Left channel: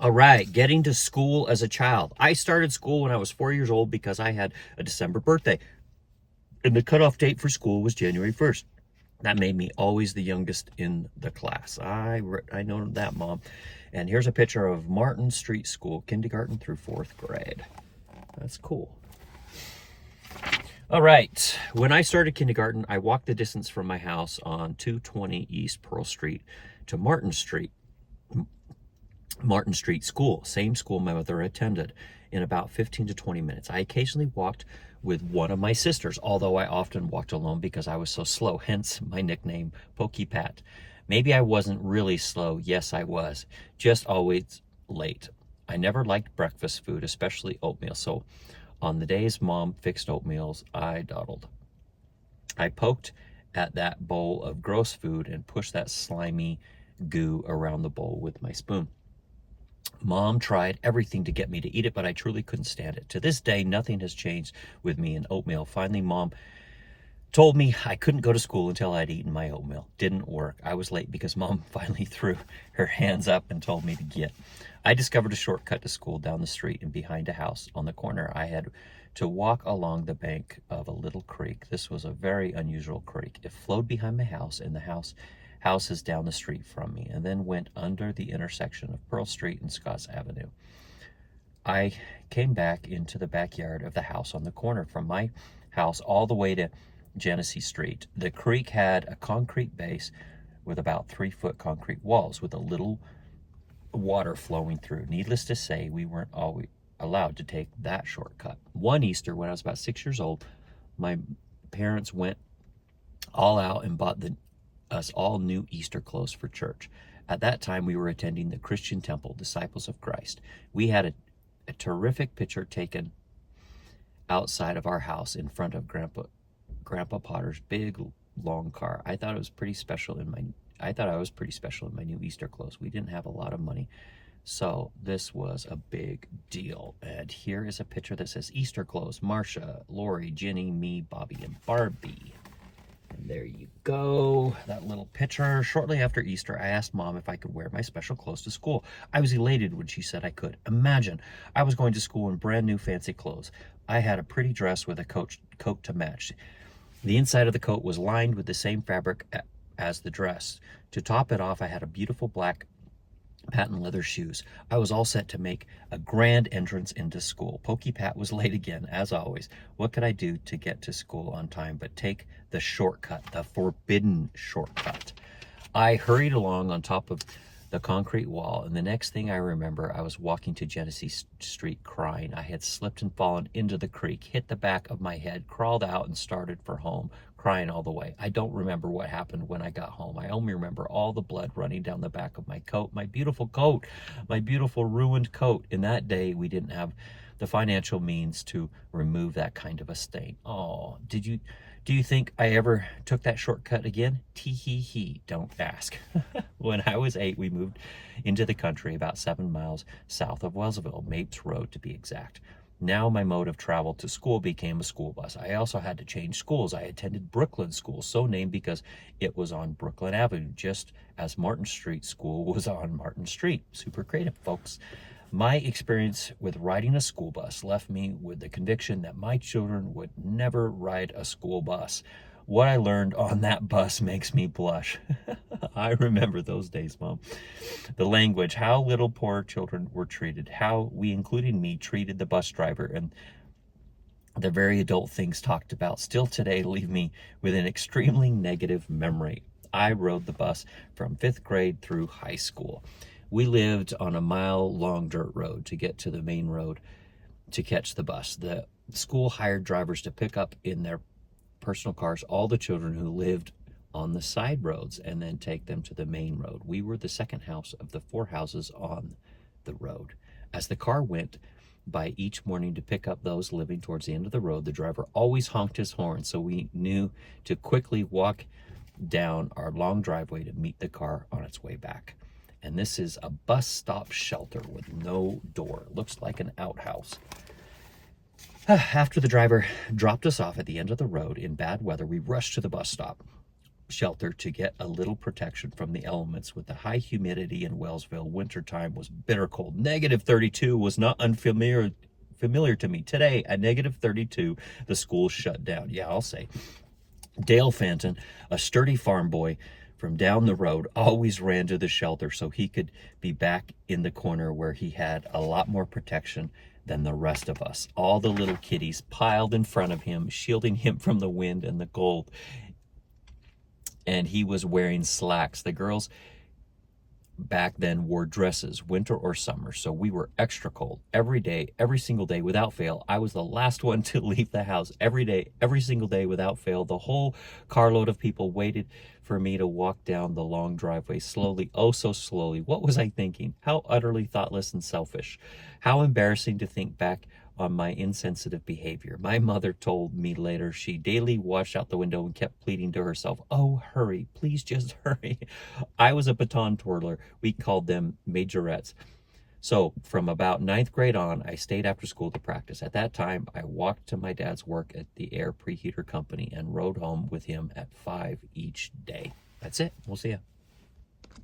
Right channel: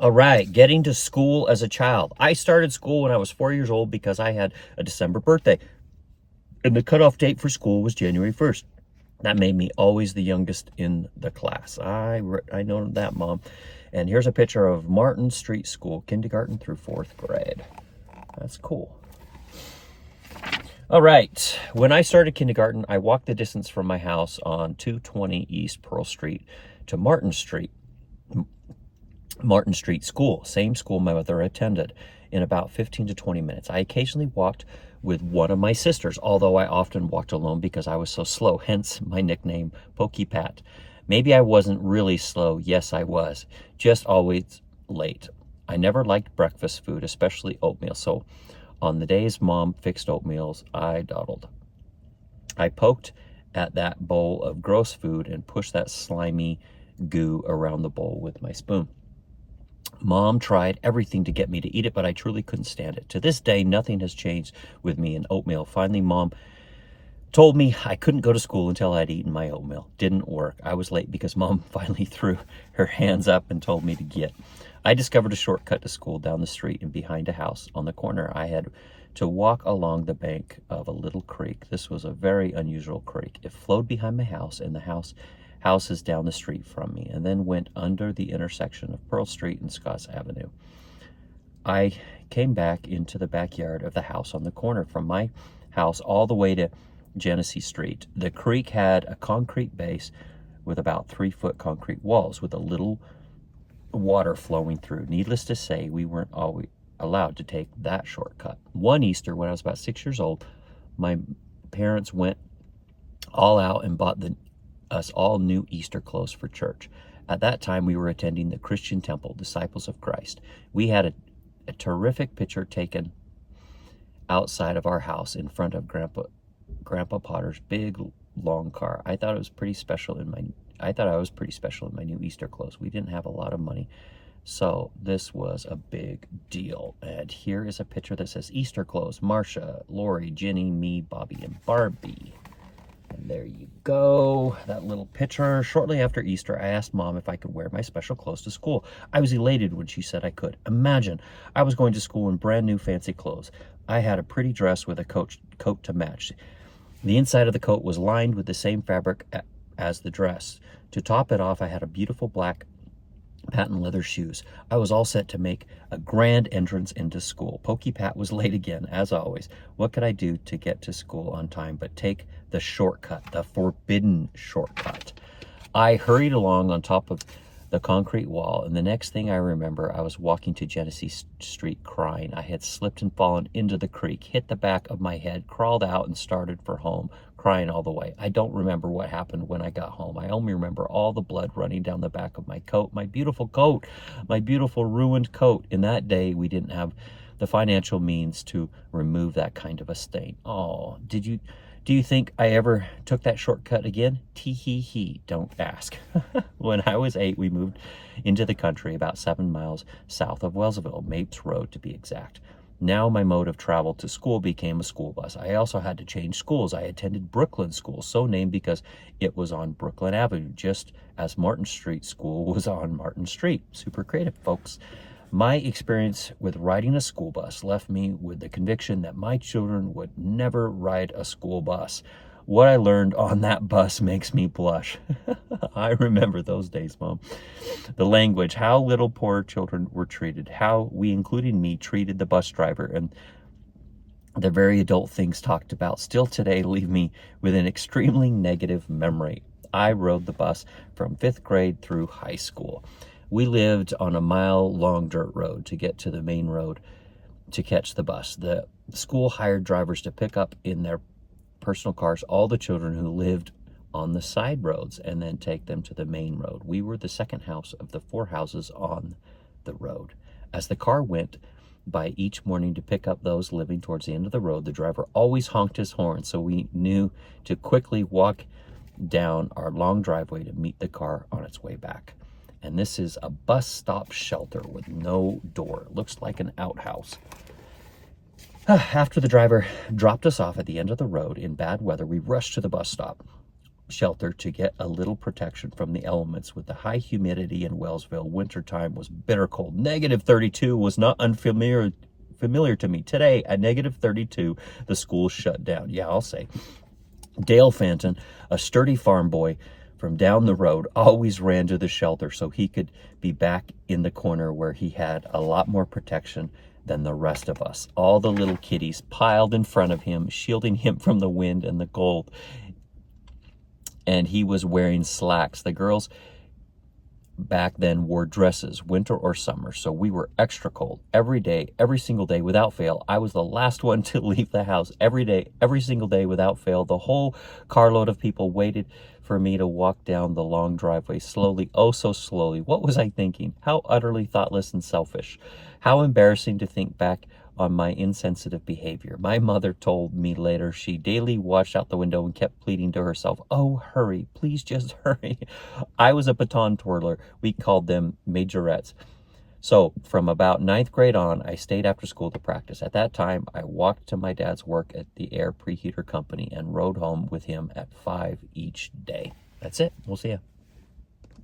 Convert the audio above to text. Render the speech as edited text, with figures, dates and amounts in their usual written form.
All right, getting to school as a child. I started school when I was 4 years old because I had a December birthday, and the cutoff date for school was January 1st. That made me always the youngest in the class. I know that, Mom. And here's a picture of Martin Street School, kindergarten through fourth grade. That's cool. All right, when I started kindergarten, I walked the distance from my house on 220 East Pearl Street to Martin Street School, same school my mother attended, in about 15 to 20 minutes. I occasionally walked with one of my sisters, although I often walked alone because I was so slow, hence my nickname, Pokey Pat. Maybe I wasn't really slow. Yes, I was, just always late. I never liked breakfast food, especially oatmeal, so on the days Mom fixed oatmeals, I dawdled. I poked at that bowl of gross food and pushed that slimy goo around the bowl with my spoon. Mom tried everything to get me to eat it, but I truly couldn't stand it. To this day, nothing has changed with me in oatmeal. Finally, Mom told me I couldn't go to school until I'd eaten my oatmeal. Didn't work. I was late because Mom finally threw her hands up and told me to get. I discovered a shortcut to school down the street and behind a house on the corner. I had to walk along the bank of a little creek. This was a very unusual creek. It flowed behind my house and the houses down the street from me, and then went under the intersection of Pearl Street and Scotts Avenue. I came back into the backyard of the house on the corner from my house all the way to Genesee Street. The creek had a concrete base with about 3-foot concrete walls with a little water flowing through. Needless to say, we weren't always allowed to take that shortcut. One Easter, when I was about 6 years old, my parents went all out and bought us all new Easter clothes for church. At that time, we were attending the Christian Temple, Disciples of Christ. We had a terrific picture taken outside of our house in front of Grandpa Potter's big long car. I thought I was pretty special in my new Easter clothes. We didn't have a lot of money, so this was a big deal. And here is a picture that says Easter clothes: Marcia, Lori, Ginny, me, Bobby, and Barbie. And there you go, that little picture. Shortly after Easter, I asked Mom if I could wear my special clothes to school. I was elated when she said I could. Imagine, I was going to school in brand new fancy clothes. I had a pretty dress with a coat to match. The inside of the coat was lined with the same fabric as the dress. To top it off, I had a beautiful black patent leather shoes. I was all set to make a grand entrance into school. Pokey Pat was late again, as always. What could I do to get to school on time but take the shortcut, the forbidden shortcut? I hurried along on top of the concrete wall, and the next thing I remember, I was walking to Genesee Street crying. I had slipped and fallen into the creek, hit the back of my head, crawled out, and started for home, crying all the way. I don't remember what happened when I got home. I only remember all the blood running down the back of my coat, my beautiful ruined coat. In that day, we didn't have the financial means to remove that kind of a stain. Oh, do you think I ever took that shortcut again? Tee-hee-hee, don't ask. When I was 8, we moved into the country about 7 miles south of Wellsville, Mapes Road to be exact. Now my mode of travel to school became a school bus. I also had to change schools. I attended Brooklyn School, so named because it was on Brooklyn Avenue, just as Martin Street School was on Martin Street. Super creative, folks. My experience with riding a school bus left me with the conviction that my children would never ride a school bus. What I learned on that bus makes me blush. I remember those days, Mom. The language, how little poor children were treated, how we, including me, treated the bus driver, and the very adult things talked about still today leave me with an extremely negative memory. I rode the bus from 5th grade through high school. We lived on a mile-long dirt road to get to the main road to catch the bus. The school hired drivers to pick up in their personal cars all the children who lived on the side roads and then take them to the main road. We were the second house of the 4 houses on the road. As the car went by each morning to pick up those living towards the end of the road, the driver always honked his horn, so we knew to quickly walk down our long driveway to meet the car on its way back. And this is a bus stop shelter with no door. It looks like an outhouse. After the driver dropped us off at the end of the road in bad weather, we rushed to the bus stop. shelter to get a little protection from the elements. With the high humidity in Wellsville, wintertime was bitter cold. Negative 32 was not unfamiliar to me. Today, at negative 32, the school shut down. Yeah, I'll say. Dale Fanton, a sturdy farm boy from down the road, always ran to the shelter so he could be back in the corner where he had a lot more protection than the rest of us. All the little kiddies piled in front of him, shielding him from the wind and the cold. And he was wearing slacks. The girls back then wore dresses, winter or summer, so we were extra cold every day, every single day without fail. I was the last one to leave the house every day, every single day without fail. The whole carload of people waited for me to walk down the long driveway slowly, oh so slowly. What was I thinking? How utterly thoughtless and selfish. How embarrassing to think back on my insensitive behavior. My mother told me later she daily watched out the window and kept pleading to herself, oh, hurry, please just hurry. I was a baton twirler. We called them majorettes. So from about 9th grade on, I stayed after school to practice. At that time, I walked to my dad's work at the air preheater company and rode home with him at 5 each day. That's it. We'll see you.